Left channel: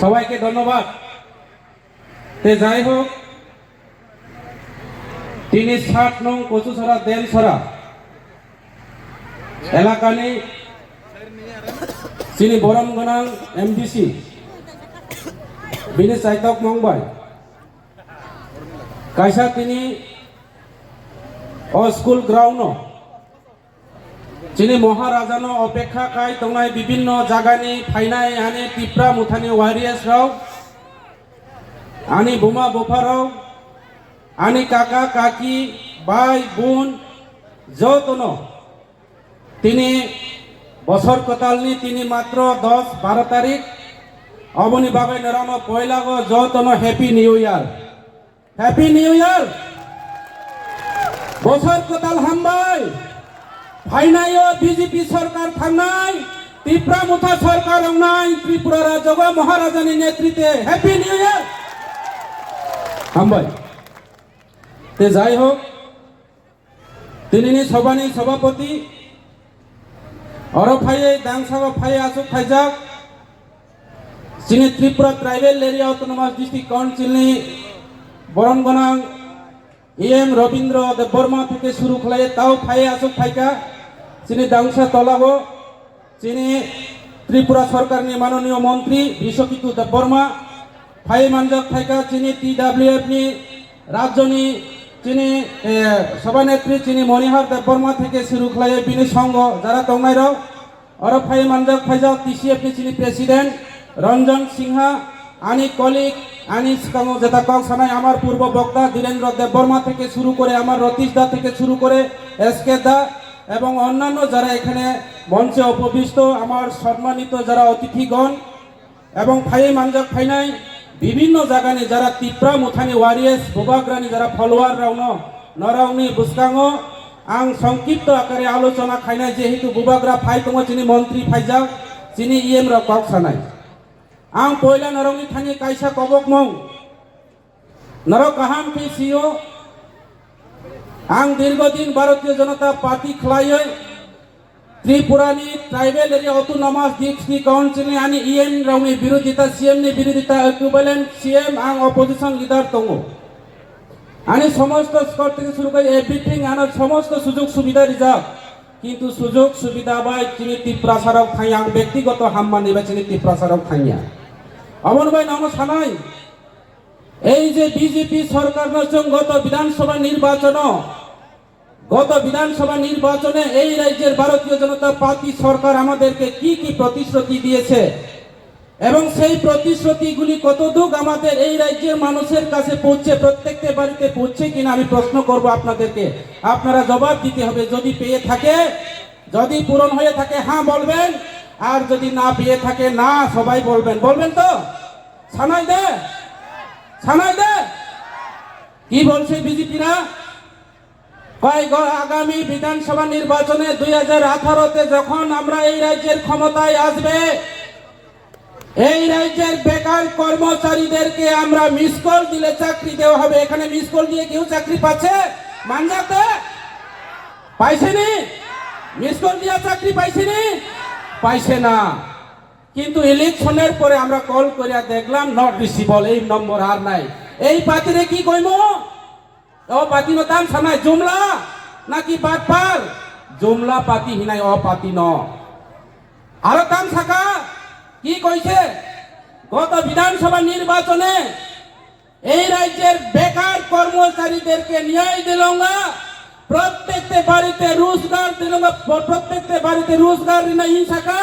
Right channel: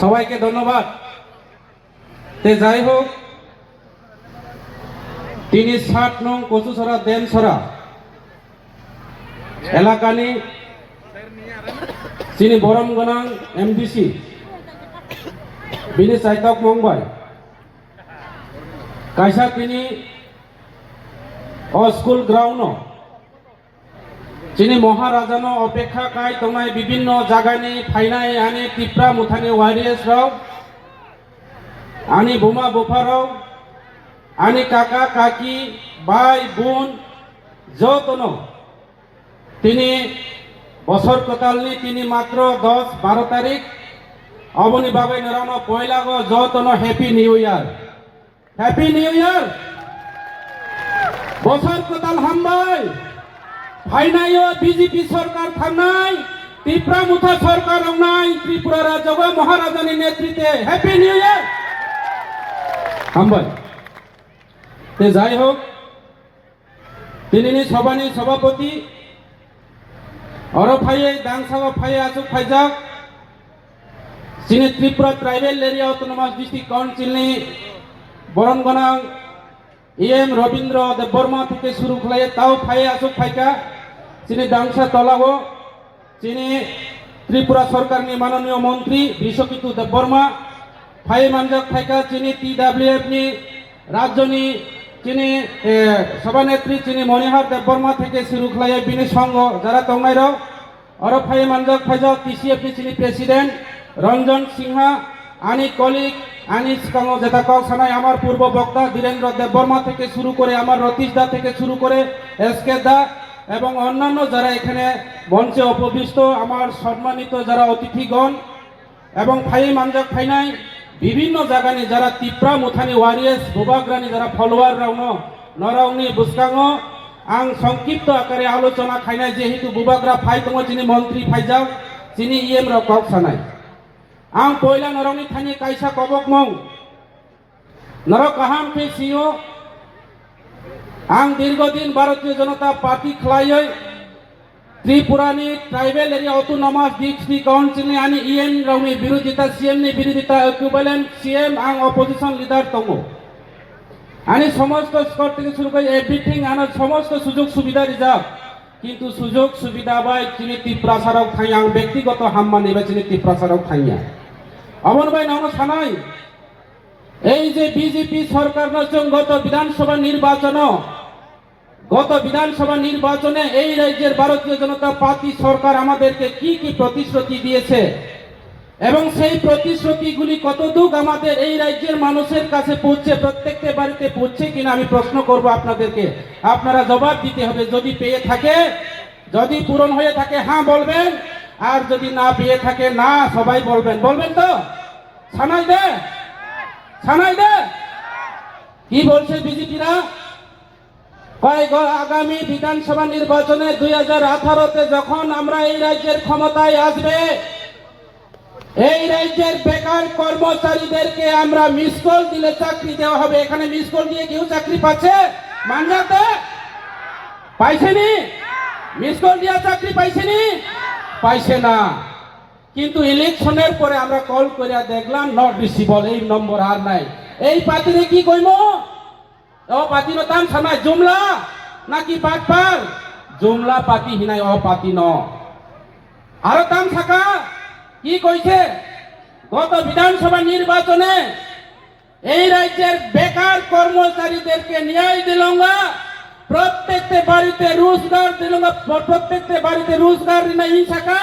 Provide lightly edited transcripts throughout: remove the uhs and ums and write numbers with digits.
সবাইকে ধন্যবাদ। যাই হোক, তিনি 60 নং কচুছড়া দেনছড়া এলাকানি তিনি বরম গোনাং এমডিসি বিনি চাইতক মংবাই কাইসা তিনি স্কুল গ্রাউন্ড যিনি মহারাজানো অপেক্ষা কাই তোমায় বিভিন্ন জায়গানি ফাইনাই আনি টিপ্রা মুথানি ওয়ারিয়ার্স রাও আনি বোমা বোফারাও আনি কাকা কাকি ভাই বোন যতনো তিনি বছর কতালনি তিনি মাত্র 10-12 তারিখ অবনি বাবে নরানো পয়লা গো যতনো happy new year, happy new year. বছর কতাল হামবাই ফাইনাইও বিজেপি সরকার থানাই ত্রিপুরা মুথা সরকার নাই ত্রিপুরা রাজবা মহারাজানি নেতৃত্বে হ্যাপি নিউ ইয়ার হামবাই। যাই হোক, তিনি সভানি সভাপতি অরফাইয়ে দাংসাগা ফাইয়ে আসুক ফাইজাক যিনি Tripura tribal area autonomous district কাউন্সিলনি বরনগনাং এম রবীন্দ্র দেববর্মা থেকে শুরু খাইয়ে তাও ফাইয়ে আসুক ফাইকা যিনি দাংসা তলাগো যিনি ত্রিপুরা সরকারনি মাননীয় মন্ত্রী বিশ্বকিতু দেববর্মা ফাইয়ে মানজাক ফাইকা যিনি TWF নি রাজ্যনি যিনি সভানেত্রী যিনি মনিহার দেববর্মা থেকে শুরু খাইয়ে বিনি সংঘ যারা তংনাইরাও আরো ফাইয়ে মানজাক ফাইজাক TCF নি যিনি প্রেসিডেন্ট রঞ্জন সিংহা আনি কলিক আনি সিকাঙ্গ জেতাকাও সানাই আমার পূর্ব বক্তা ধীরেন্দ্র দেববর্মা থেকে শুরু করে আমার রতীশ দা থেকে শুরু করে SK দা এবং অন্যান্য যারা এখানে মঞ্চে উপবিষ্ট আমার সম্মানিত যারা অতিথিগণ এবং ফাইয়ে মানজাক ফাইনাই বিভিন্ন জায়গানি যারা ত্রিপুরা মুথানি ওয়ারিয়ার্স বুবাগ্রানি যারা ফলোয়ার রাউনো নরাউনি বুসকাঙ্গ আং সংক্ষিপ্ত আকারে আলোচনা খাইনাই যেহেতু বুবাগ্রা ফাই দङ যিনি মন্ত্রী ফাইজাক যিনি EM রা কক সানাই आं पयला नरंनि थानि कायसा कबक मं नरक काहाम पेसियो आं दीर्घदिन भारतीय जनता पार्टी खलायै त्रिपुरानि tribal area autonomous district council आनि EM रावनि बिरोधिता CM नि बिरोधिता इक्विवेलेंट CM आं अपोजिशन लिडार दङ आनि समस्त स्कोर থেকে শুরু করে एवरीथिंग आनो समस्त सुযোগ सुविधा रिजार्व কিন্তু সুযোগ সুবিধা বাই যিনি ত্রিপুরা সরক থাই আং ব্যক্তিগত হাম্মানি বা যিনি ত্রিপুরা সরক থাইয়া অমর ভাই নাম সানাই এই যে বিজেপি সরকার গত বিধানসভা নির্বাচনে এই রাজ্যের ভারতীয় জনতা পার্টি সরকার আমাদেরকে কি কি প্রতিশ্রুতি দিয়েছে এবং সেই প্রতিশ্রুতিগুলি কতদূর আমাদের এই রাজ্যের মানুষের কাছে পৌঁছে প্রত্যেকটা বাড়িতে পৌঁছে কিনা আমি প্রশ্ন করব আপনাদেরকে। আপনারা জবাব দিতে হবে। যদি পেয়ে থাকে, যদি পূরণ হয়ে থাকে হ্যাঁ বলবেন, আর যদি না পেয়ে থাকে না সবাই বলবেন। বলবেন তো? ছানাই দে, ছানাই দে। কি বলছে বিজেপিরা? আগামী বিধানসভা নির্বাচনে 2018-তে যখন আমরা এই রাজ্যের ক্ষমতায় আসবে এই রাজ্যের বেকার কর্মচারীদেরকে আমরা মিস কল দিলে চাকরি দেওয়া হবে। এখানে মিস কল দিয়ে কেউ চাকরি পাচ্ছে? মানজাতে পাইছেনি? মিস কল দিয়া চাকরি পাইছেনি? পাইছে না। কিন্তু ইলেকশনের পরে আমরা কল করিয়া দেখলাম নট রিসিভেবল, এই নম্বর আর নাই। এই পাতিরে কি কইমো? ও পাতির দাম সানাই জুমলা নাকি বাটপার? জুমলা পাতি হিনাই ও পাতি ন আরো দাম থাকা কি কইছে? গত বিধানসভা নির্বাচনে এই রাজ্যের বেকার কর্মচারীদেরকে ন্যায় দিলঙ্গা, প্রত্যেকটা বাড়িতে রোজগার দিলঙ্গা, প্রত্যেকটা বাড়িতে রোজগার নাই হিংসাকা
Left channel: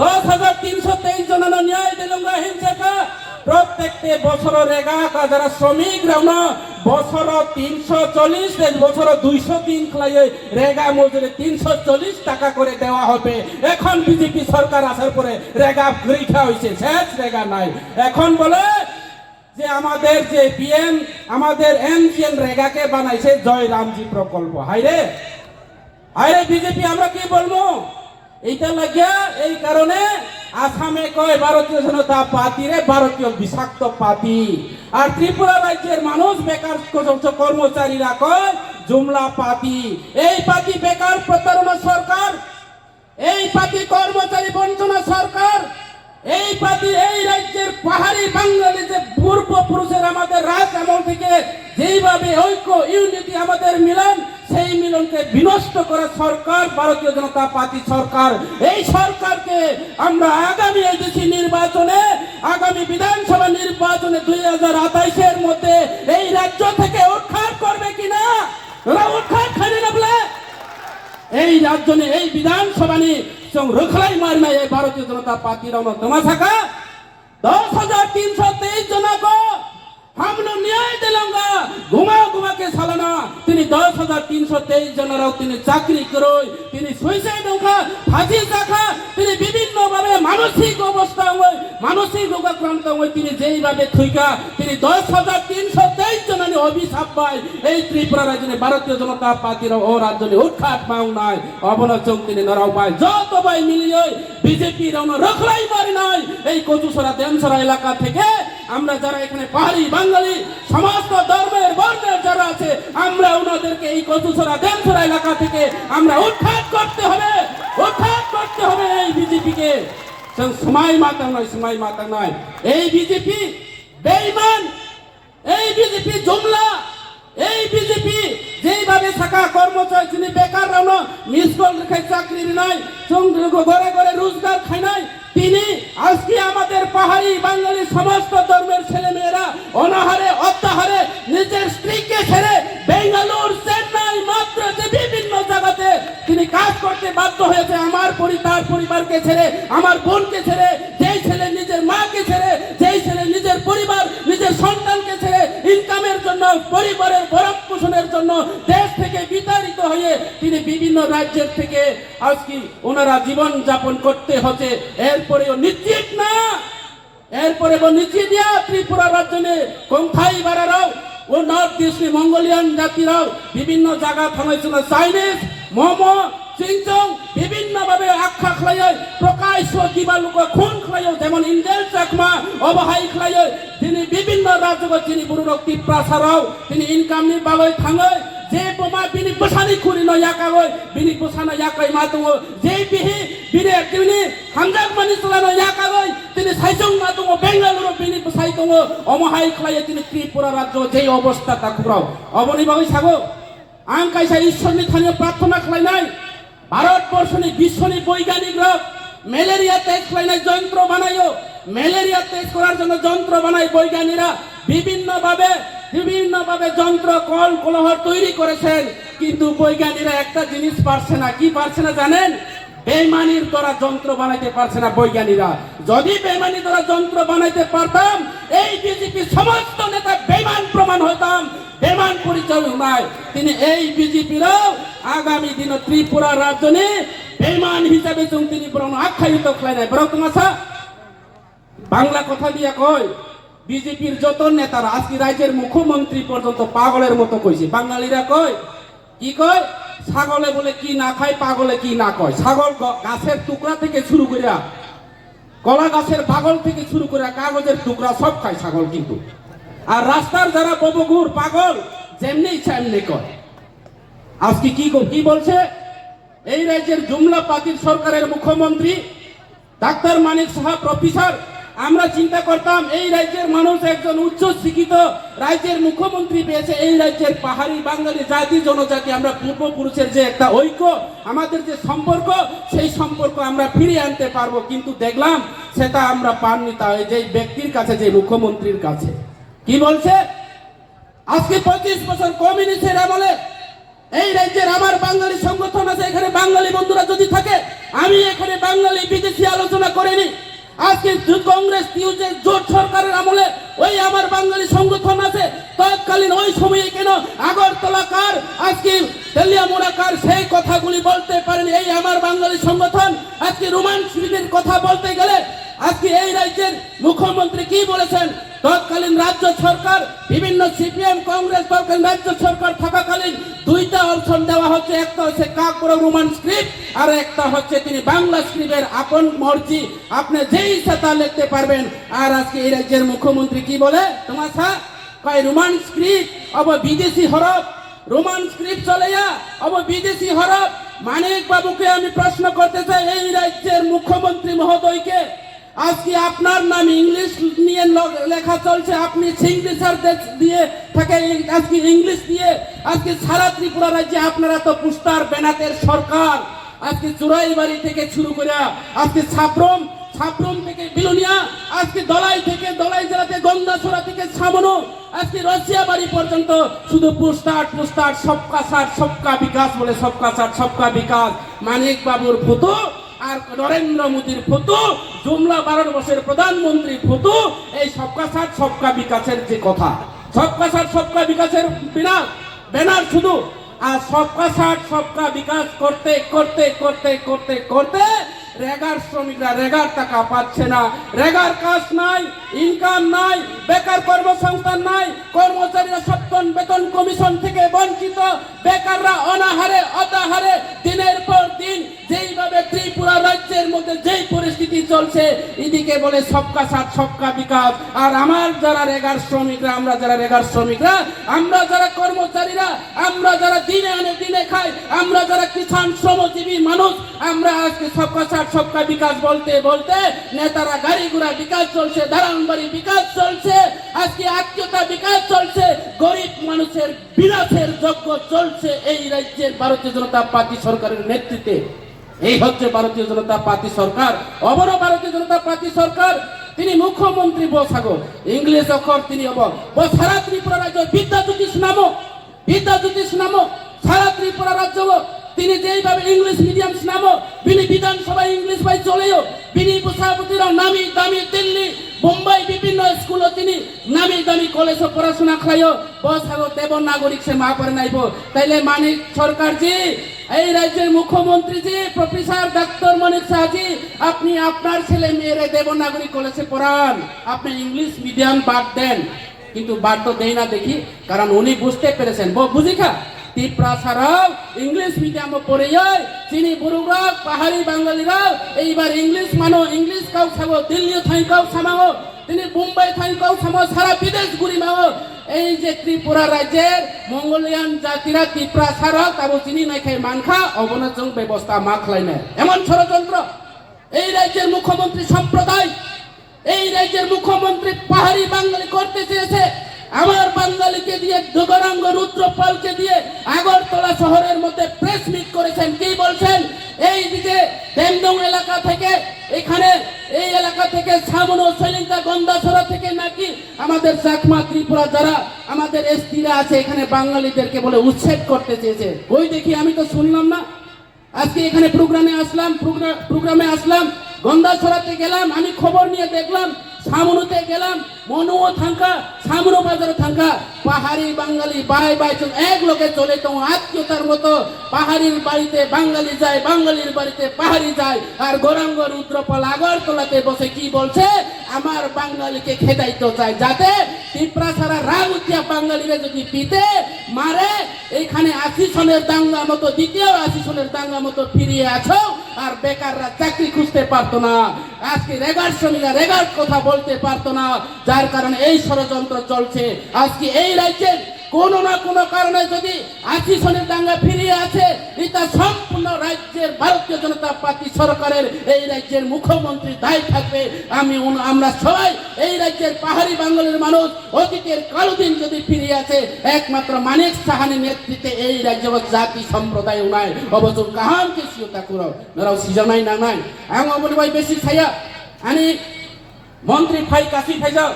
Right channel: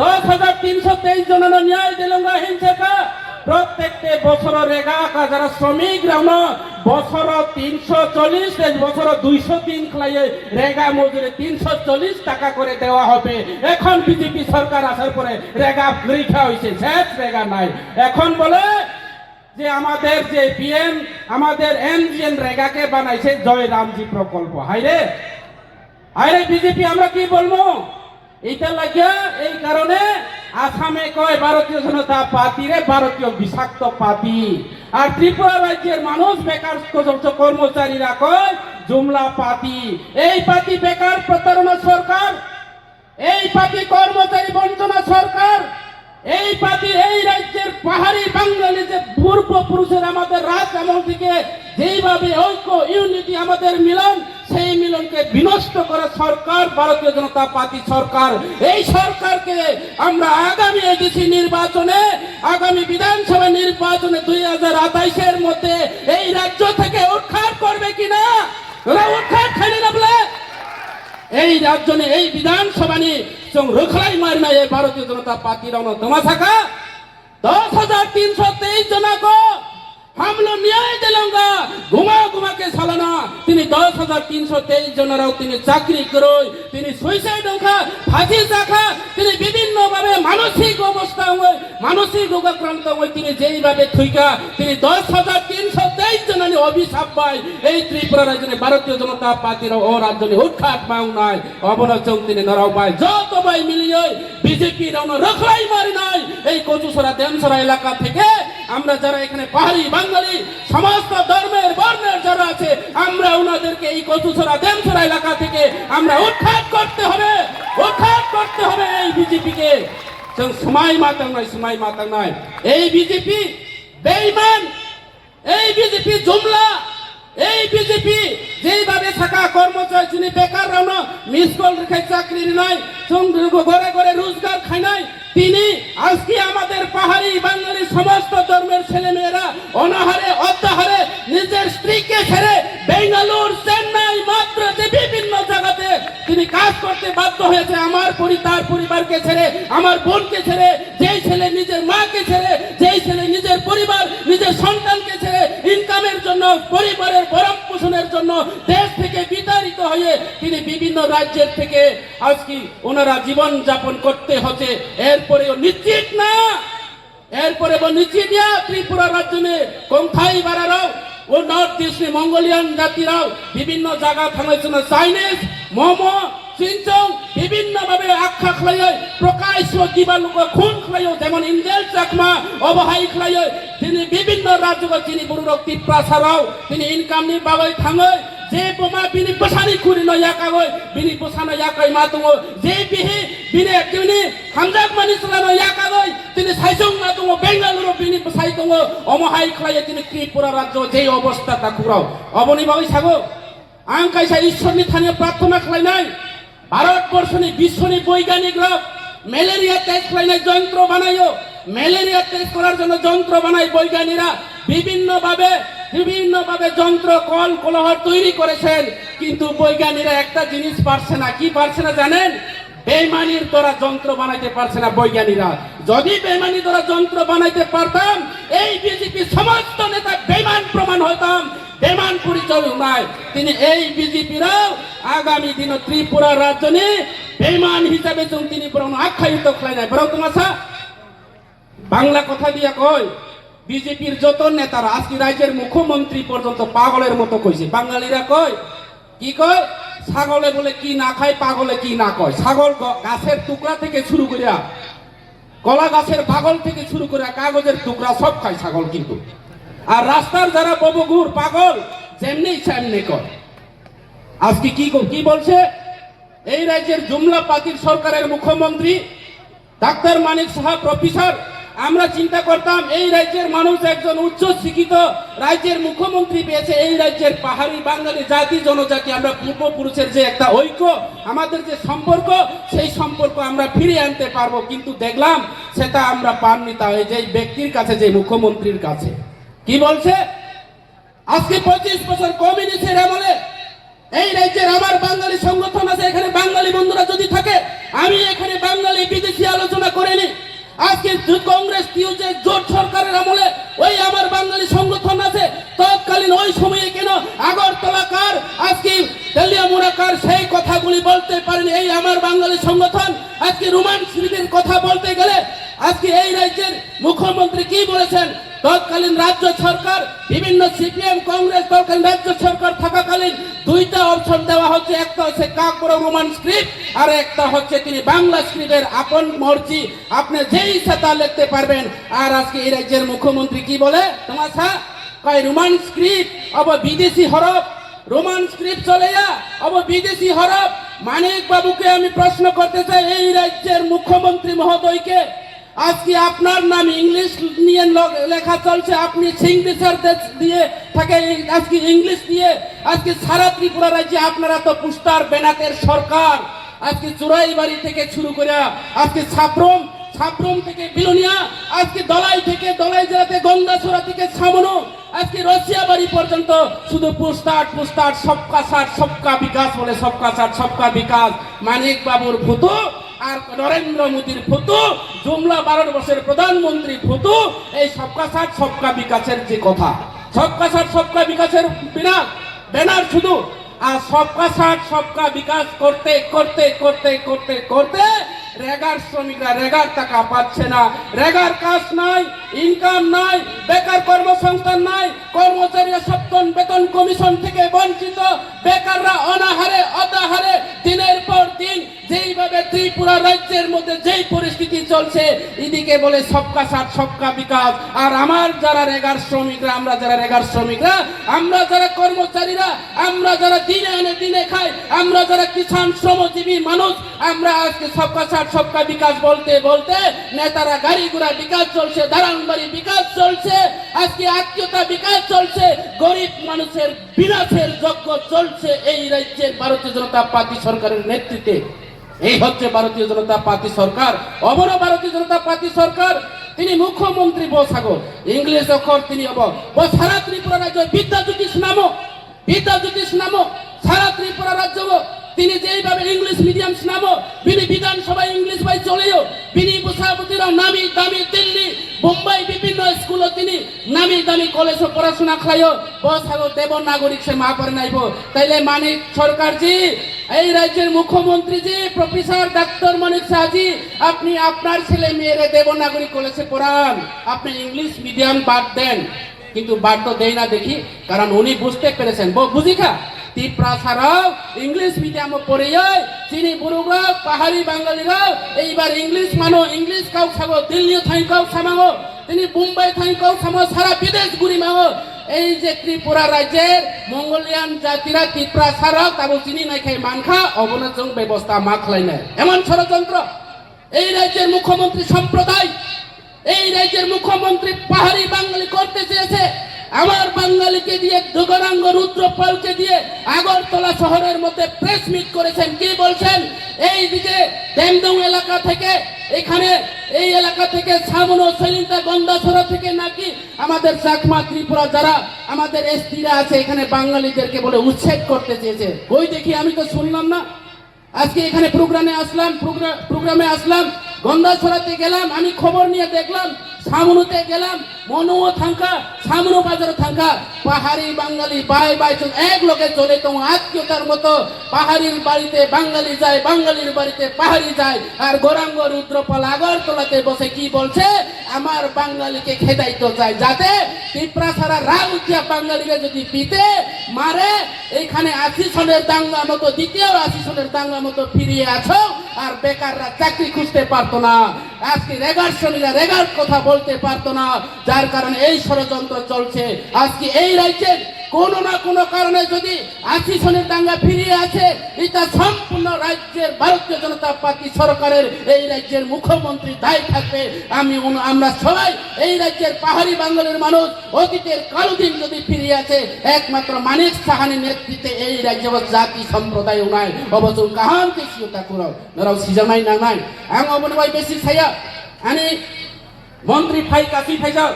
10,323 জনের ন্যায় দিলঙ্গা হিংসাকা প্রত্যেকটা বছর রেগা যারা শ্রমিক রাউন বছর 340 বছর 203 খাইয়ে রেগা মজুরি 340 টাকা করে দেওয়া হবে। এখন বিজেপি সরকার আসার পরে রেগা পরীক্ষা হয়েছে, শেষ রেগা নাই। এখন বলে যে আমাদের যে PM আমাদের NGN রেগাকে বানাইছে জয় রামজি প্রকল্প। হাইরে হাইরে বিজেপি আমরা কি বলবো? এইটা লাগিয়া এই কারণে আসামে কয় ভারতীয় জনতা পার্টি রে ভারতীয় বিষাক্ত পার্টি, আর ত্রিপুরা রাজ্যের মানুষ বেকার কর্মচারীরা কয় জুমলা পার্টি। এই পার্টি বেকার প্রতারণা সরকার, এই পার্টি কর্মচারী বঞ্চনা সরকার, এই পার্টি এই রাজ্যের পাহাড়ি বাঙালি যে পূর্বপুরুষের আমাদের রাজ আমল থেকে যেইভাবে ঐক্য ইউনিটি আমাদের মিলন, সেই মিলনকে বিনষ্ট করে সরকার ভারতীয় জনতা পার্টি সরকার। এই সরকারকে আমরা আগামী এডিসি নির্বাচনে, আগামী বিধানসভা নির্বাচনে 2028-এর মধ্যে এই রাজ্য থেকে উৎখাত করবে কিনা, উৎখাত খালি লাগলে এই রাজ্য এই বিধানসভা নিয়ে রুখলাই মারনা এই ভারতীয় জনতা পার্টির তোমা থাকা 10,323 जना को हम लोग न्याय दिलांगा, घुमा घुमा के सालाना তিনি 10,323 জনেরাও তিনি চাকরি করো, তিনি সুইসাইড হোকা, ফাঁসি রাখা, তিনি বিভিন্ন ভাবে মানসিক অবস্থা হয়, মানসিক রোগাক্রান্ত হয়, তিনি যেইভাবে থুইকা তিনি 10,323 জনানি অভিশাপ পায়। এই ত্রিপুরা রাজ্যে ভারতীয় জনতা পার্টির ও রাজ্যে উৎখাত পাও নাই, অবনচন তিনি নরাও পায়। যত ভাই মিলিয়ে বিজেপি রানো রখলাই মারি নাই। এই কচুসরা দেমসরা এলাকা থেকে আমরা যারা এখানে পাহাড়ি বাঙালি সমস্ত ধর্মের বর্ণের যারা আছে, আমরা ওনাদেরকে এই কচুসরা দেমসরা এলাকা থেকে আমরা উৎখাত করতে হবে, উৎখাত করতে হবে এই বিজেপিকে। সময় মাতা নয়, সময় মাতা নয়। এই বিজেপি বেঈমান, এই বিজেপি জুমলা, এই বিজেপি যেইভাবে থাকা কর্মচারী যিনি বেকার রানো মিস কল রেখে চাকরি নাই, ঘরে ঘরে রোজগার খায় নাই, তিনি আজকে আমাদের পাহাড়ি বাঙালি সমস্ত ধর্মের ছেলে মেয়েরা অনাহারে অত্যাহারে নিজের স্ত্রীকে ছেড়ে বেঙ্গালুর, চেন্নাই, মাদ্রাজে বিভিন্ন জায়গাতে তিনি কাজ করতে বাধ্য হয়েছে। আমার তার পরিবারকে ছেড়ে, আমার বোনকে ছেড়ে, যেই ছেলে নিজের মাকে ছেড়ে, যেই ছেলে নিজের পরিবার নিজের সন্তানকে ছেড়ে ইনকামের জন্য, পরিবারের ভরণ পোষণের জন্য দেশ থেকে বিতাড়িত হয়ে তিনি বিভিন্ন রাজ্যের থেকে আজকে ওনারা জীবন যাপন করতে হচ্ছে। এরপরেও নিশ্চিত না, এরপরে নিশ্চিত দিয়া ত্রিপুরা রাজ্যে কোনথাই বাড়ারাও ও নর্থ ইস্ট মঙ্গোলিয়ান জাতিরাও বিভিন্ন জায়গা থামেছিল চাইনিজ মোমো চিনচং বিভিন্ন ভাবে আখ্যা খায়, প্রকাশ্য দিবালুক খুন খায়, যেমন ইন্দেল চাকমা অবহাই খায়। তিনি বিভিন্ন রাজ্য তিনি বুড়ো টিপ্রা ছাড়াও তিনি ইনকাম নি বাগৈ থাঙ্গৈ, যে বোমা বিনি বসানি খুরি ন ইয়াকাগৈ বিনি বসানো ইয়াকাই মাতুঙ্গ, যে বিহি বিনে কিনি হামজাক মানি চলানো ইয়াকাগৈ তিনি সাইজং মাতুঙ্গ, বেঙ্গালুরু বিনি বসাইতঙ্গ অমহাই খায়। তিনি ত্রিপুরা রাজ্য যে অবস্থা তা খুরাও অবনি বাগৈ সাগো আং কাইসা ঈশ্বরনি থানে প্রার্থনা খাই নাই। ভারতবর্ষনি বিশ্বনি বৈজ্ঞানিকরা ম্যালেরিয়া টেস্ট খাইলে যন্ত্র বানাইও, ম্যালেরিয়া টেস্ট করার জন্য যন্ত্র বানাই বৈজ্ঞানিকরা বিভিন্ন ভাবে যন্ত্র কল কলহর তৈরি করেছেন, কিন্তু বৈজ্ঞানিকরা একটা জিনিস পারছে না। কি পারছে না জানেন? বেইমানির দ্বারা যন্ত্র বানাইতে পারছে না বৈজ্ঞানিকরা। যদি বেইমানির দ্বারা যন্ত্র বানাইতে পারতাম, এই বিজেপি সমস্ত নেতা বেইমান প্রমাণ হতাম, বেইমান পরিচয় নাই। তিনি এই বিজেপিরাও আগামী দিন ত্রিপুরা রাজ্য বেইমান হিসাবে তিনি বরং আখ্যায়িত খাই না। বরং তোমার বাংলা কথা দিয়া কয় বিজেপির যত নেতারা আজকে রাজ্যের মুখ্যমন্ত্রী পর্যন্ত পাগলের মতো কইছে। বাঙালিরা কয় কি কয়? ছাগলে বলে কি না খায়, পাগলে কি না কয়। ছাগল গাছের টুকরা থেকে শুরু করে, কলা গাছের পাগল থেকে শুরু করে কাগজের টুকরা সব খায় ছাগল। কিন্তু আর রাস্তার যারা ববগুর পাগল যেমনি ইচ্ছা এমনি কয়। আজকে কি বলছে এই রাজ্যের জুমলা পার্টির সরকারের মুখ্যমন্ত্রী ডাক্তার মানিক সাহা প্রফেসর। আমরা চিন্তা করতাম এই রাজ্যের মানুষ একজন উচ্চ শিক্ষিত রাজ্যের মুখ্যমন্ত্রী পেয়েছে। এই রাজ্যের পাহাড়ি বাঙালি জাতি জনজাতি আমরা পূর্বপুরুষের যে একটা ঐক্য, আমাদের যে সম্পর্ক, সেই সম্পর্ক আমরা ফিরিয়ে আনতে পারবো, কিন্তু দেখলাম সেটা আমরা পাননি। তাই যে ব্যক্তির কাছে, যে মুখ্যমন্ত্রীর কাছে কি বলছে, আজকে 25 বছর কমিউনিস্টের আমলে এই রাজ্যের আমার বাঙালি সংগঠন আছে, এখানে বাঙালি বন্ধুরা যদি থাকে, আমি এখানে বাঙালি বিদেশি আলোচনা করিনি। আজকে কংগ্রেস জোট সরকারের আমলে ওই আমার বাঙালি সংগঠন আছে, তৎকালীন ওই সময়ে কেন আগরতলাকার আজকে তেলিয়ামুড়াকার সেই কথাগুলি বলতে পারেনি এই আমার বাঙালি সংগঠন। আজকে রোমান শরীফের কথা বলতে গেলে আজকে এই রাজ্যের মুখ্যমন্ত্রী কি বলেছেন, তৎকালীন রাজ্য সরকার বিভিন্ন সিপিএম কংগ্রেস তৎকালীন রাজ্য সরকার থাকাকালীন দুইটা অপশন দেওয়া হচ্ছে, একটা হচ্ছে কাকড় রোমান স্ক্রিপ্ট আর একটা হচ্ছে তিনি বাংলা স্ক্রিপ্টের আপন মর্জি, আপনি যেই ইচ্ছা তা লিখতে পারবেন। আর আজকে এই রাজ্যের মুখ্যমন্ত্রী কি বলে, তোমার কয় রোমান স্ক্রিপ্ট অব বিদেশি হরফ, রোমান স্ক্রিপ্ট চলে যা অব বিদেশি হরফ। মানিক বাবুকে আমি প্রশ্ন করতে চাই, এই রাজ্যের মুখ্যমন্ত্রী মহোদয়কে আজকে আপনার নাম ইংলিশ নিয়ে লেখা চলছে, আপনি সিগনেচার দিয়ে থাকে আজকে ইংলিশ দিয়ে। আজকে সারা ত্রিপুরা রাজ্যে আপনারা তো পুস্তার বেনাতের সরকার। আজকে চুরাইবাড়ি থেকে শুরু করে আজকে সাব্রম থেকে বিলোনিয়া, আজকে দলাই জেলাতে গন্দাছড়া থেকে সামনো, আজকে রসিয়াবাড়ি পর্যন্ত শুধু পুস্তাট সবকা সাথ সবকা বিকাশ বলে, সবকা সাথ সবকা বিকাশ। মানিক বাবুর ফটো আর নরেন্দ্র মোদীর ফটো, জুমলা 12 বছরের প্রধানমন্ত্রী ফটো, এই সবকা সাথ সবকা বিকাশের যে কথা, সবকা সাথ সবকা বিকাশের ব্যানার শুধু। আর সবকা সাথ সবকা বিকাশ করতে করতে করতে করতে করতে রেগার শ্রমিকরা রেগার টাকা পাচ্ছে না, রেগার কাজ নাই, ইনকাম নাই, বেকার কর্মসংস্থান নাই, কর্মচারীরা সপ্তম বেতন কমিশন থেকে বঞ্চিত, বেকাররা অনাহারে অতাহারে দিনের পর দিন যেইভাবে ত্রিপুরা রাজ্যের মধ্যে যেই পরিস্থিতি চলছে, এদিকে বলে সবকা সাথ সবকা বিকাশ। আর আমার যারা রেগার শ্রমিকরা, আমরা যারা রেগার শ্রমিকরা, আমরা যারা কর্মচারীরা, আমরা যারা দিনে আনে দিনে খাই, আমরা যারা কিষাণ শ্রমজীবী মানুষ, আমরা আজকে সবকা সাথ সবকা বিকাশ বলতে বলতে নেতারা গাড়ি ঘোড়া বিকাশ চলছে, দালানবাড়ি বিকাশ চলছে, আজকে আত্মীয়তা বিকাশ চলছে, গরিব মানুষের বিনাশের যজ্ঞ চলছে এই রাজ্যের ভারতীয় জনতা পার্টি সরকারের নেতৃত্বে। এই হচ্ছে ভারতীয় জনতা পার্টি সরকার, অবন ভারতীয় জনতা পার্টি সরকার। তিনি মুখ্যমন্ত্রী বসাগো ইংলিশ অক্ষর তিনি সারা ত্রিপুরা রাজ্য বিদ্যাজ্যোতিষ নামক সারা ত্রিপুরা রাজ্য তিনি যেইভাবে ইংলিশ মিডিয়াম নামক বিনি বিধানসভায় ইংলিশ ভাই চলেও বিনি সভাপতিরা নামি দামি দিল্লি বোম্বাই বিভিন্ন স্কুলে তিনি নামি দামি কলেজে পড়াশোনা খাইও বসাগো দেব নাগরিক সে মা পরে নাইব। তাইলে মানিক সরকারজি, এই রাজ্যের মুখ্যমন্ত্রীজি প্রফেসর ডাক্তার মানিক শাহজি, আপনি আপনার ছেলে মেয়েরে দেব নাগরিক কলেজে পড়ান, আপনি ইংলিশ মিডিয়াম বাদ দেন। কিন্তু বাদ তো দেয় না দেখি, কারণ উনি বুঝতে পেরেছেন বুঝিখা ত্রিপুরা ছাড়াও ইংলিশ মিডিয়ামে পড়ে যায় চিনি বুড়ুরা পাহাড়ি বাঙালিরাও এইবার ইংলিশ মানো, ইংলিশ কাউ খাবো, দিল্লি থাই কাউ সামাও, তিনি মুম্বাই থাই কাউ সামো, সারা বিদেশ ঘুরি মাও। এই যে ত্রিপুরা রাজ্যের মঙ্গোলিয়ান জাতিরা ত্রিপুরা ছাড়াও তাবো চিনি না খেয়ে মানখা অবনচং ব্যবস্থা মাখলাই না, এমন ষড়যন্ত্র এই রাজ্যের মুখ্যমন্ত্রী সম্প্রদায়, এই রাজ্যের মুখ্যমন্ত্রী পাহাড়ি বাঙালি করতে চেয়েছে। আমার বাঙালিকে দিয়ে দুগরাঙ্গ রুদ্রপালকে দিয়ে আগরতলা শহরের মধ্যে প্রেস মিট করেছেন। কি বলছেন? এই দিকে দেমদং এলাকা থেকে, এখানে এই এলাকা থেকে সামনো সলিতা গন্দাছড়া থেকে নাকি আমাদের চাকমা ত্রিপুরা যারা আমাদের এসটিরা আছে এখানে বাঙালিদেরকে বলে উচ্ছেদ করতে চেয়েছে। ওই দেখি আমি তো শুনলাম না। আজকে এখানে প্রোগ্রামে আসলাম, গন্দাছড়াতে গেলাম, আমি খবর নিয়ে দেখলাম, সামনুতে গেলাম, মনুও থাকা, সামনু বাজারে থাকা পাহাড়ি বাঙালি বাই এক লোকে চলে তো আত্মীয়তার মতো পাহাড়ির বাড়িতে বাঙালি যায়, বাঙালির বাড়িতে পাহাড়ি যায়। আর গৌরাঙ্গ রুদ্রপাল আগরতলাতে বসে কি বলছে? আমার বাঙালিকে খেদাইতে চায়, যাতে ত্রিপুরা ছাড়া রাগ উঠিয়া বাঙালিরা যদি পিতে মারে, এখানে 80 সনের দাঙ্গা মতো, দ্বিতীয় 80 সনের দাঙ্গা মতো ফিরিয়ে আছো। আর বেকাররা চাকরি খুঁজতে পারতো না, আজকে রেগার শ্রমিকরা রেগার কথা বলতে পারতো না, যার কারণে এই ষড়যন্ত্র চলছে। আজকে এই রাজ্যের কোনো না কোনো কারণে যদি 80 সনের দাঙ্গা ফিরিয়ে আছে, এটা সম্পূর্ণ রাজ্যের ভারতীয় জনতা পার্টি সরকারের, এই রাজ্যের মুখ্যমন্ত্রী দায়ী থাকবে। আমরা সবাই এই রাজ্যের পাহাড়ি বাঙালির মানুষ অতীতের কালদিন যদি ফিরিয়ে আছে, একমাত্র মানিক সাহানি নেতৃত্বে এই রাজ্য জাতি সম্প্রদায় উনায় অবচল কাহান কেসিওতা করো নরাও সিজানাই না নাই আং অবনবাই বেশি ছায়া আনি মন্ত্রী ফাই কাশি ফেজাও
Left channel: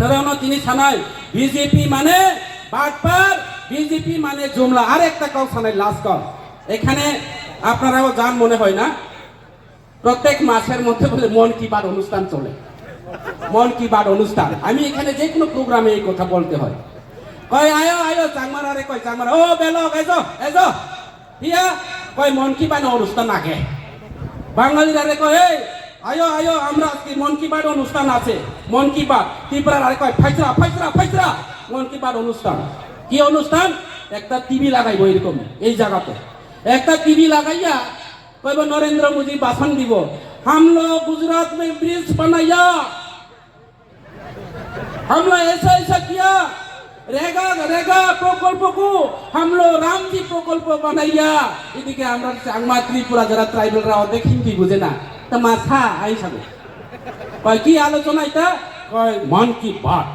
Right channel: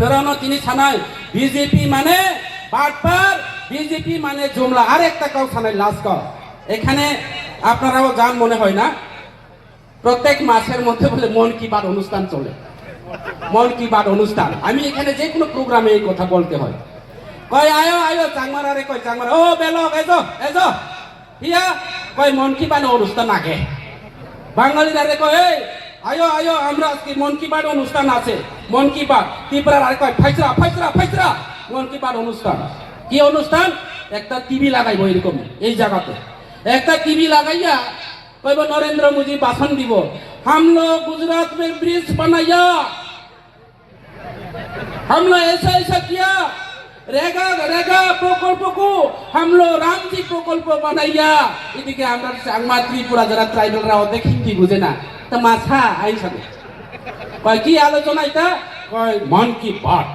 নরানো তিনি ছানায় বিজেপি মানে বাটপার, বিজেপি মানে জুমলা। আর একটা কাউ ছানায় লাস্ট এখানে আপনারাও জান মনে হয় না, প্রত্যেক মাসের মধ্যে বলে মন কি বাত অনুষ্ঠান চলে, মন কি বাত অনুষ্ঠান। আমি এখানে যে কোনো প্রোগ্রামে এই কথা বলতে হয়, কয় আয়ো চাংমার, আরে কয় চাংমার, ও বেলক এজো ইয়া কয় মন কি বাত অনুষ্ঠান আগে। বাঙালির আরে কয় আয়ো আমরা আজকে মন কি বাত অনুষ্ঠান আছে, মন কি বাত। ত্রিপুরার আরে কয় ফাইসরা মন কি বাত অনুষ্ঠান। কি অনুষ্ঠান? একটা টিভি লাগাইব এরকম এই জায়গাতে, একটা টিভি লাগাইয়া কইব নরেন্দ্র মোদী ভাষণ দিব, हम लोग गुजरात में ब्रिज बनाया, हमने ऐसा किया, रेगा प्रकल्प को हम लोग रामजी प्रकल्प बनाया। এদিকে আমরা চাংমা ত্রিপুরা যারা ট্রাইবেলরা অর্ধেক হিন্দি বুঝে না, তো মাথা আইসাবে কয় কি আলোচনা এটা? কয় মন কি বাত।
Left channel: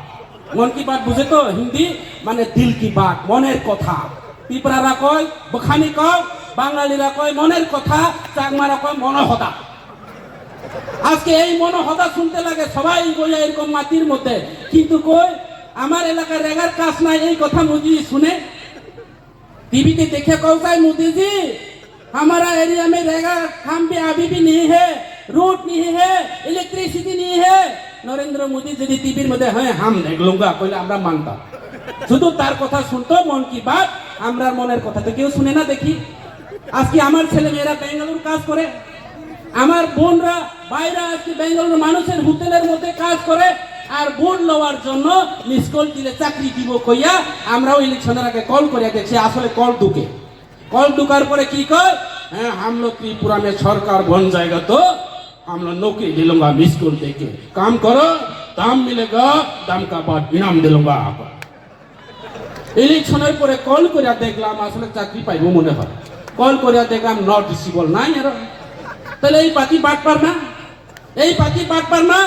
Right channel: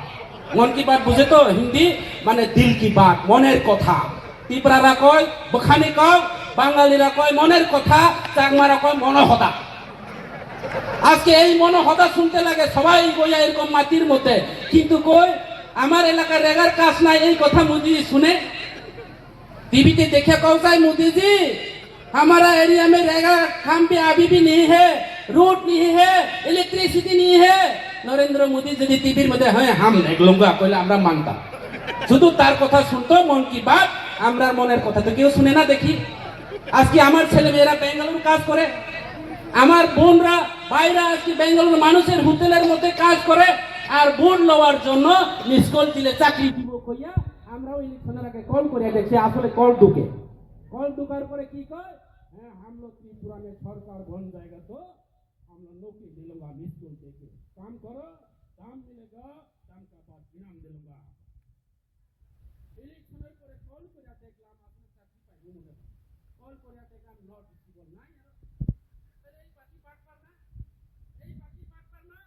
মন কি বাত বুঝে তো হিন্দি মানে দিল কি বাত, মনের কথা। ত্রিপুরারা কয় বখানি কয়, বাঙালিরা কয় মনের কথা, চাকমারা কয় মনোহদা। আজকে এই মনোহদা শুনতে লাগে সবাই বইয়া এরকম মাটির মধ্যে, কিন্তু কই আমার এলাকার রেগার কাজ নাই এই কথা মোদি শুনে। टीवी देखे कहता है मोदी जी हमारा एरिया में रेगा काम भी अभी भी नहीं है, रोड नहीं है, इलेक्ट्रिसिटी नहीं है। नरेंद्र मोदी যদি টিভির মধ্যে হয় হাম দেখ লঙ্গা কইলে আমরা মানতাম। শুধু তার কথা শুনতো মন কি বাত, আমরা মনের কথা তো কেউ শুনে না দেখি। আজকে আমার ছেলে মেয়েরা বেঙ্গালুরু কাজ করে, আমার বোনরা ভাইরা আজকে বেঙ্গালুরু মানুষের হোটেলের মধ্যে কাজ করে, আর ভোট লওয়ার জন্য মিস কল দিলে চাকরি দিব কইয়া আমরাও ইলেকশনের আগে কল করে দেখছি আসলে কল ঢুকে। कल ढुकार पर की कह हम लोग त्रिपुरा में सरकार बन जाएगा तो हम लोग नौकरी दिलूंगा मिस कॉल देके काम करो, दाम मिलेगा, दाम का बाद इनाम दिलूंगा। इलेक्शনের পরে কল করিয়া দেখলাম আসলে চাকরি পাইবো মনে হয়, কল করিয়া দেখলাম নট রিসিবল নাই। আর তাহলে এই পার্টি বাটপার না, এই পার্টি বাটপার না,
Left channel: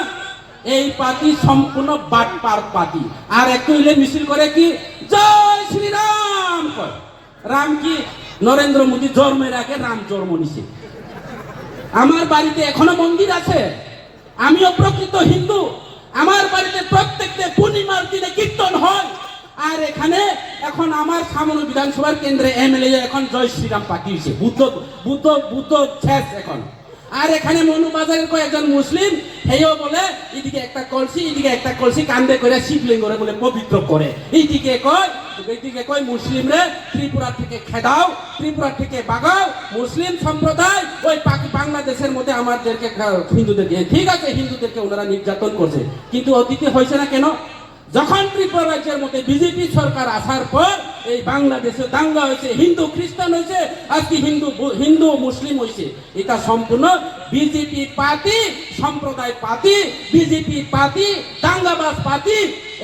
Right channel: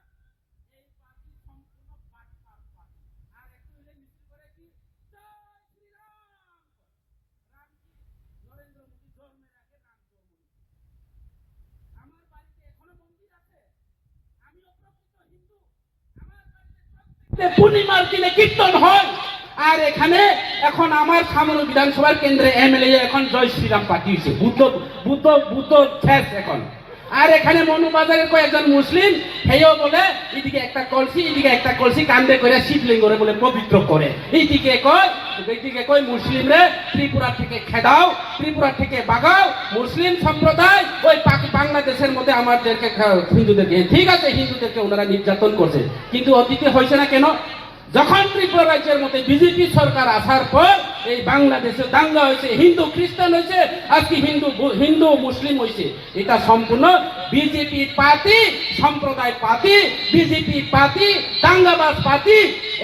এই পার্টি সম্পূর্ণ বাটপার পার্টি। আর একটু হইলে মিছিল করে কি জয় শ্রীরাম কয়। রাম কি নরেন্দ্র মোদী জন্মের আগে রাম জন্ম নিছে। আমার বাড়িতে এখনো মন্দির আছে, আমিও প্রকৃত হিন্দু। আমার বাড়িতে প্রত্যেকটা পূর্ণিমার দিনে কীর্তন হয়। আর এখানে এখন আমার সামনে বিধানসভার কেন্দ্রে এমএলএ এখন জয় শ্রীরাম পাঠিয়েছে, বুদ্ধ বুদ্ধ বুদ্ধ শেষ এখন। আর এখানে মনুবাজারের কয়েকজন মুসলিম হেও বলে এদিকে একটা কলসি এদিকে একটা কলসি কান্দে করে শিবলিঙ্গরে বলে পবিত্র করে। এইদিকে কয় মুসলিমরে ত্রিপুরা থেকে খেদাও, ত্রিপুরা থেকে বাগাও। মুসলিম সম্প্রদায় ওই বাংলাদেশের মধ্যে আমাদেরকে হিন্দুদেরকে, ঠিক আছে হিন্দুদেরকে ওনারা নির্যাতন করছে, কিন্তু অতীতে হয়েছে না কেন? যখন ত্রিপুরা রাজ্যের মধ্যে বিজেপি সরকার আসার পর এই বাংলাদেশে দাঙ্গা হয়েছে, হিন্দু খ্রিস্টান হয়েছে, আজকে হিন্দু মুসলিম হয়েছে। এটা সম্পূর্ণ বিজেপি পার্টি, সম্প্রদায় পার্টি, বিজেপি পার্টি, দাঙ্গাবাজ পার্টি।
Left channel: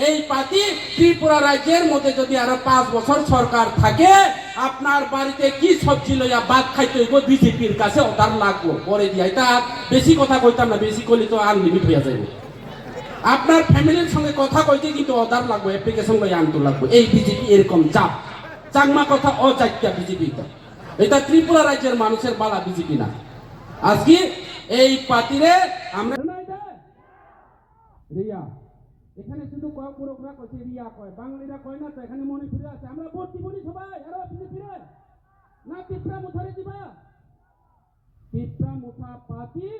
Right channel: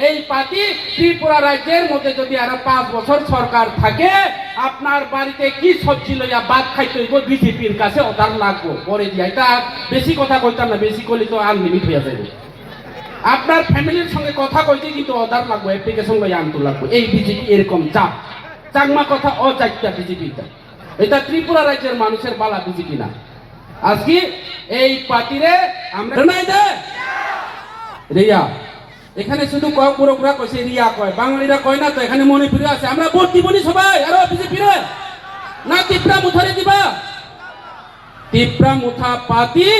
এই পার্টি ত্রিপুরা রাজ্যের মধ্যে যদি আরো 5 বছর সরকার থাকে, আপনার বাড়িতে কি সবজি লইয়া ভাত খাইতে হইব বিজেপির কাছে অর্ডার লাগবো পরে দিয়া। এটা বেশি কথা কইতাম না, বেশি করলে তো আনলিমিট হয়ে যাবে। আপনার ফ্যামিলির সঙ্গে কথা কইতে কিন্তু অর্ডার লাগবে, অ্যাপ্লিকেশন লই আনতে লাগবে। এই বিজেপি এরকম চাপ, চাকমা কথা অজাত্যা বিজেপি। এটা ত্রিপুরা রাজ্যের মানুষের বালা বিজেপি না। আজকে এই পার্টিরে আমরা নাই দে রিয়া, এখানে শুধু পুরোপুরা কইছে রিয়া কয়, বাঙালিরা কয় না তো। এখানে মণিপুরে আছে, আমরা ভোট দিবনি সবাই। আরো বিজেপি রে না টিপরা মুথারে দিবা। টিপরা মুথা পার্টি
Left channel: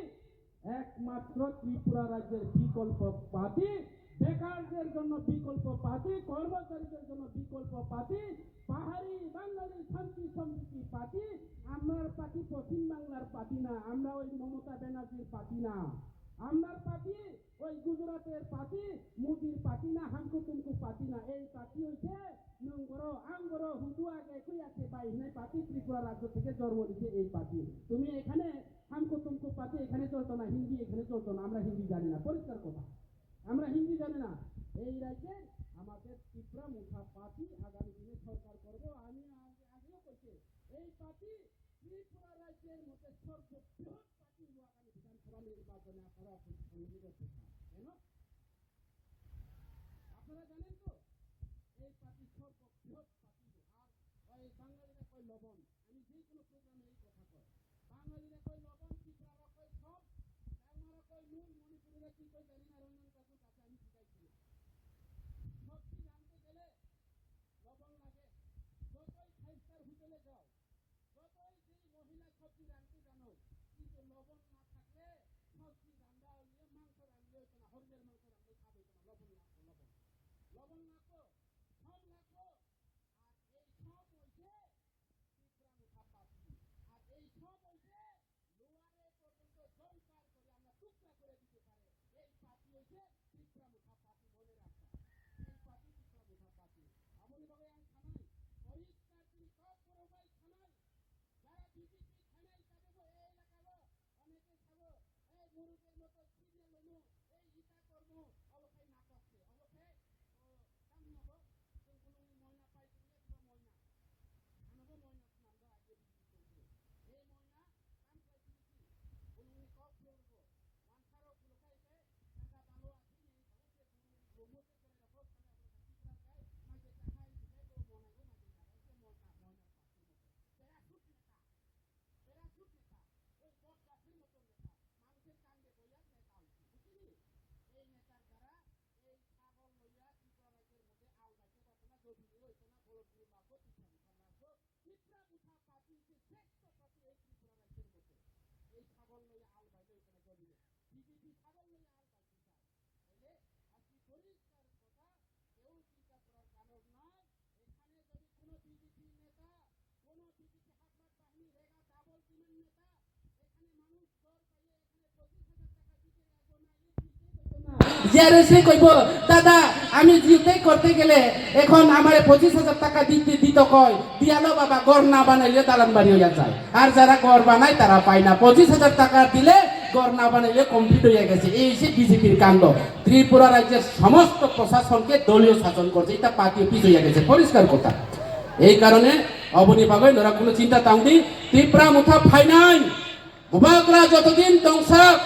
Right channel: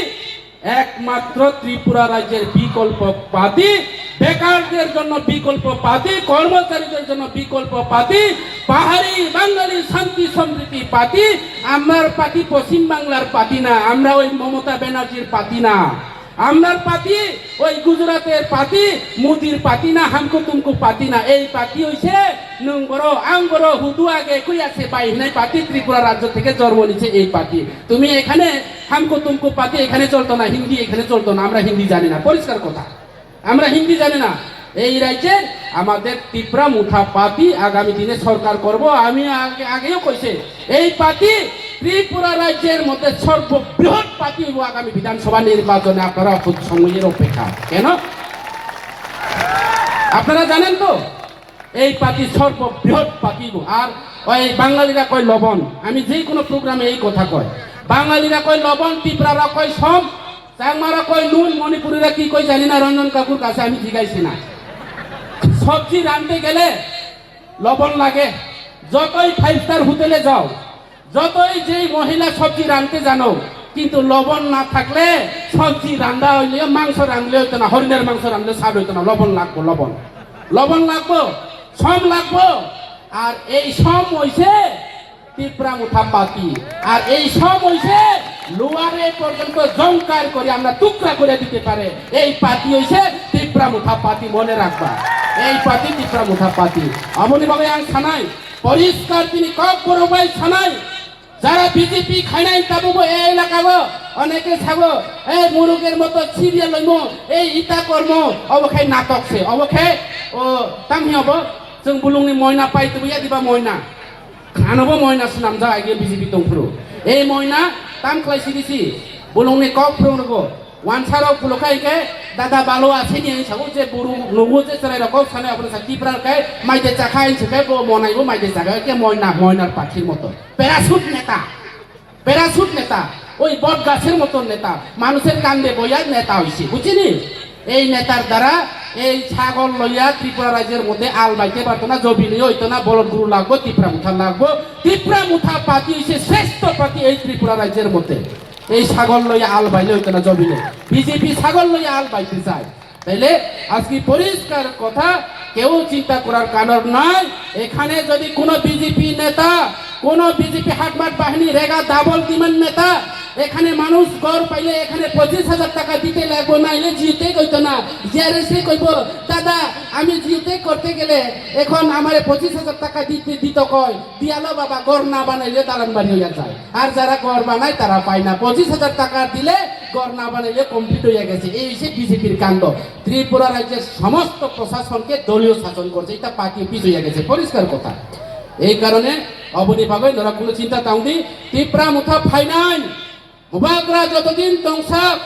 একমাত্র ত্রিপুরা রাজ্যের বিকল্প পার্টি, বেকারদের জন্য বিকল্প পার্টি, কর্মচারীদের জন্য বিকল্প পার্টি, পাহাড়ি বাঙালি শান্তি সমৃদ্ধি পার্টি। আমার পার্টি পশ্চিম বাংলার পার্টি না, আমরা ওই মমতা ব্যানার্জির পার্টি না। আমার পার্টি ওই গুজরাটের পার্টি, মোদির পার্টি না, হামকো তুমকো পার্টি না। এই পার্টি হইছে নং বড় আং বড় হুদু আগে কই আছে বাইনাই পার্টি ত্রিপুরা রাজ্য থেকে জন্ম নিছে এই পার্টি। তুমি এখানে হামকো তুমকো পার্টি এখানে চলতো না, হিন্দি এখানে চলতো না। আমরা হিন্দি জানি না, পরিষ্কার কথা, আমরা হিন্দি জানি না। এই রাজ্যে আমাদের ত্রিপুরা মুঠা পার্টি আগামী দিনে সরকার করব। আমি আগেও কইছে এই পার্টি ত্রিপুরা রাজ্যের মধ্যে সর্ববৃহৎ পার্টি হইব আগামী বিধানসভা নির্বাচনে। আপনারা সময়ের অপেক্ষা কেন? আপনারা জানেন তো এই পার্টি সর্ববৃহৎ পার্টি। আর ওই বাঙালিরা কয় লবণ, আমি যে কোনো প্রোগ্রামে এই কথা কয়। বাঙালিরা কয় লবণ, ত্রিপুরারা কয় সম, চাকমারা কয় নুন, মণিপুরীরা কি কয় জানি না, রঞ্জন কাকুর কাছে আমি জিজ্ঞাসি না। সবজি রাঁধতে গেলে লবণ লাগে। যতই 5 স্টার হোটেলে যাও, যতই যেই মহিলা সবজি রাঁধতে জানো, কিন্তু লবণ না থাকলে সবজি রান্না হইলে, মাংস রাঁধলে হইতো না, হরিণের মাংস রাঁধলে স্বাদ হইতো না। লবণ লাগবো, লবণ লাগবো, সম লাগবো। আর এই সম হইছে ত্রিপুরা মুঠা পার্টি। আর এই সম হইছে লোয়ারে পর্যন্ত জংকার করে আমরা টুকরা করে দিতে পারে এই পার্টি হইছে ত্রিপুরা মুঠা পার্টি। মনে রাখবা এই পার্টি ত্রিপুরা মুঠা পার্টি। অমনি ভাবে আং ছানাই পরিষ্কার তিনি কক বড় ভাই ছানাই যারা বিজেপি খাই নাই তাবো এই এলাকাবো অনেকে ছাবো এই মুরুগের মতো সিরিয়াল লইমো এই ইটা কর্ম অবখাই নাটক সে অবখাই ও তামি হব जों बुलुंनि मयना पाइतो या दिबा मयना खानबो मयना सुनाम जा आगे बिजेपि दंफ्रु ए मयना ताम क्लाइ सिरिसि बुलुंनि कक फ्रंगो ওয়ানসারক পুলকাইকে দাদা বালো আছে নিয়ে সাবো যে বুরু নগু যে চলাই রকম সানে আপনি সাকি প্রারকাই মাইদে চাখাই সেকে বো মনাইবো মাইদে চাখাই কে ময়নার পাখির মতো প্যারাশুট নেতা ওই বট গাছের মতন নেতা মানুষের কান্দে বইয়ার নেতা হইছে বুঝিনি এই নেতার দ্বারা এই ছাগল লইয়া ত্রিপুরা রাজ্যের মধ্যে আল বাইতে পারতো না জবিনি হইতো না বলদ গুরু লাগবো ত্রিপুরা মুঠা লাগবো ত্রিপুরা মুঠা পার্টি হইছে শ্রেষ্ঠ পার্টি এই ত্রিপুরা রাজ্যের মধ্যে এই ছাগল লইয়া আল বাইলে হইতো না জবিনে বিজেপি ছাগল লইয়া আল বাইতে চায় তাইলে আজকে পরিষ্কার কথা কেউ চিন্তা করার কারণ নয় এখানে যদি কোনো বিজেপি নেতা কোন বিজেপি হাটমাট বাহিনী রেগা দাবল দিমেন নেতা এখানে মানুষ গড় পাইলে এখানে 25,000 টাকা দিতে লাগবো নাইলে জিতে কইতো না জিআরএসি কইব দাদা আমি জিতে করতে গেলে এখন আমার 25,000 টাকা দিতে কয় দিয়ালো বাবা গড় না বানাইলে দালান বাড়ি হইয়া যায় আর যারা গড় বানায় তারা পায় না 25,000 টাকা দিলে গড় না বানাইলে কমপ্লিট হইয়া গেছে এই সে বিজেপির কাণ্ড ত্রিপুরা রাজ্যের সমস্ত প্রশাসনকে দলীয় শাসন করছে এটা পার্টি অফিস হইয়া গেছে পরিষ্কার কথা এই কারণে অবনি ভাবে ওরা কোনো চিন্তা তাউদি ত্রিপুরা মুঠা ফাইনাল মুবাগরা যতদিন দংশক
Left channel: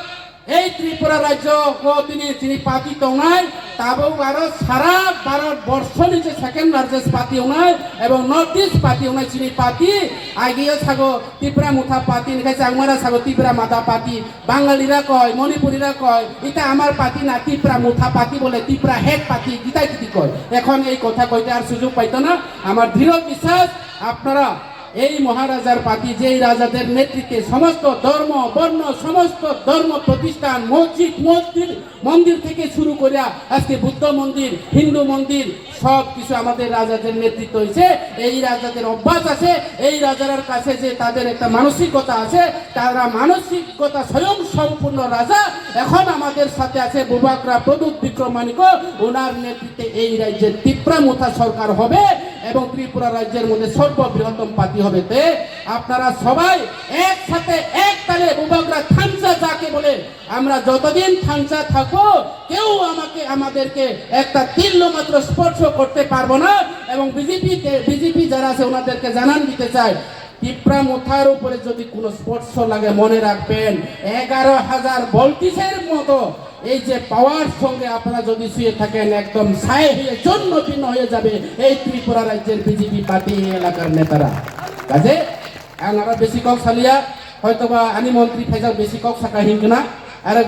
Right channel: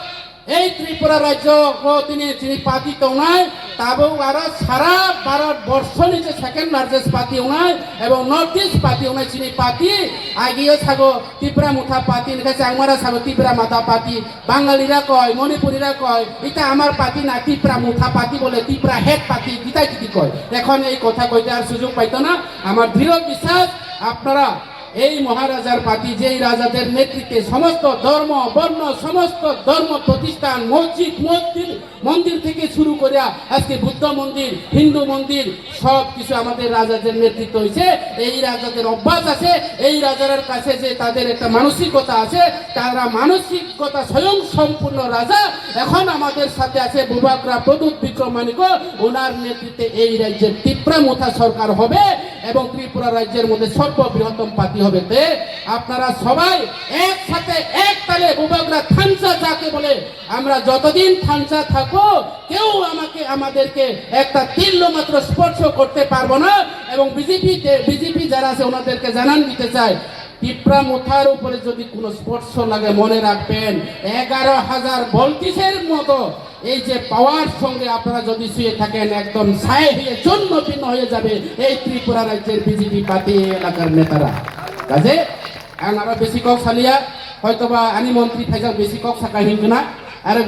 এই ত্রিপুরা রাজ্য ও তিনি পার্টি তংনায় তাবো আরো সারা ভারতবর্ষ নিচে সেকেন্ড লার্জেস্ট পার্টি নাই এবং নর্থ ইস্ট পার্টি নাই চিনি পার্টি আগিয়ে থাকো ত্রিপুরা মুঠা পার্টি নিকাছে চাংমারা থাকো ত্রিপুরা মাথা পার্টি বাঙালিরা কয় মণিপুরীরা কয় এটা আমার পার্টি না ত্রিপুরা মুঠা পার্টি বলে ত্রিপুরা হেড পার্টি গীতাই গীতি কয় এখন এই কথা কইতে আর সুযোগ পাইতো না আমার দৃঢ় বিশ্বাস আপনারা এই মহারাজার পার্টি যেই রাজাদের নেতৃত্বে সমস্ত ধর্ম বর্ণ সমস্ত ধর্ম প্রতিষ্ঠান মসজিদ মন্দির থেকে শুরু করে আজকে বুদ্ধ মন্দির হিন্দু মন্দির সব কিছু আমাদের রাজাদের নেতৃত্ব হয়েছে এই রাজাদের অভ্যাস আছে এই রাজার কাছে যে তাদের একটা মানসিকতা আছে তারা মানসিকতা স্বয়ং সম্পূর্ণ রাজা এখন আমাদের সাথে আছে বুবাগ্রা প্রদূত বিক্রমানিক ওনার নেতৃত্বে এই রাজ্যের ত্রিপুরা মুঠা সরকার হবে এবং ত্রিপুরা রাজ্যের মধ্যে সর্ববৃহত্তম পার্টি হবে তে আপনারা সবাই একসাথে এক তালে বুবাগ্রা থামসা যাকে বলে আমরা যতদিন থামসা থাকবো কেউ আমাদেরকে একটা তিল মাত্র স্পর্শ করতে পারবো না এবং বিজেপি যারা আছে ওনাদেরকে জানান দিতে চায় ত্রিপুরা মুঠার উপরে যদি কোনো স্পর্শ লাগে মনে রাখবেন 11,000 ভোল্টেজের মতো এই যে পাওয়ার সঙ্গে আপনারা যদি শুয়ে থাকেন একদম ছাই হয়ে জন্য ভিন্ন হয়ে যাবে এই ত্রিপুরা রাজ্যের বিজেপি পার্টি এলাকার নেতারা কাজে আমরা বেশি কক সালিয়া হয়তোবা আনি মন্ত্রী ফাইজাও বেশি কক থাকা হিন্দু না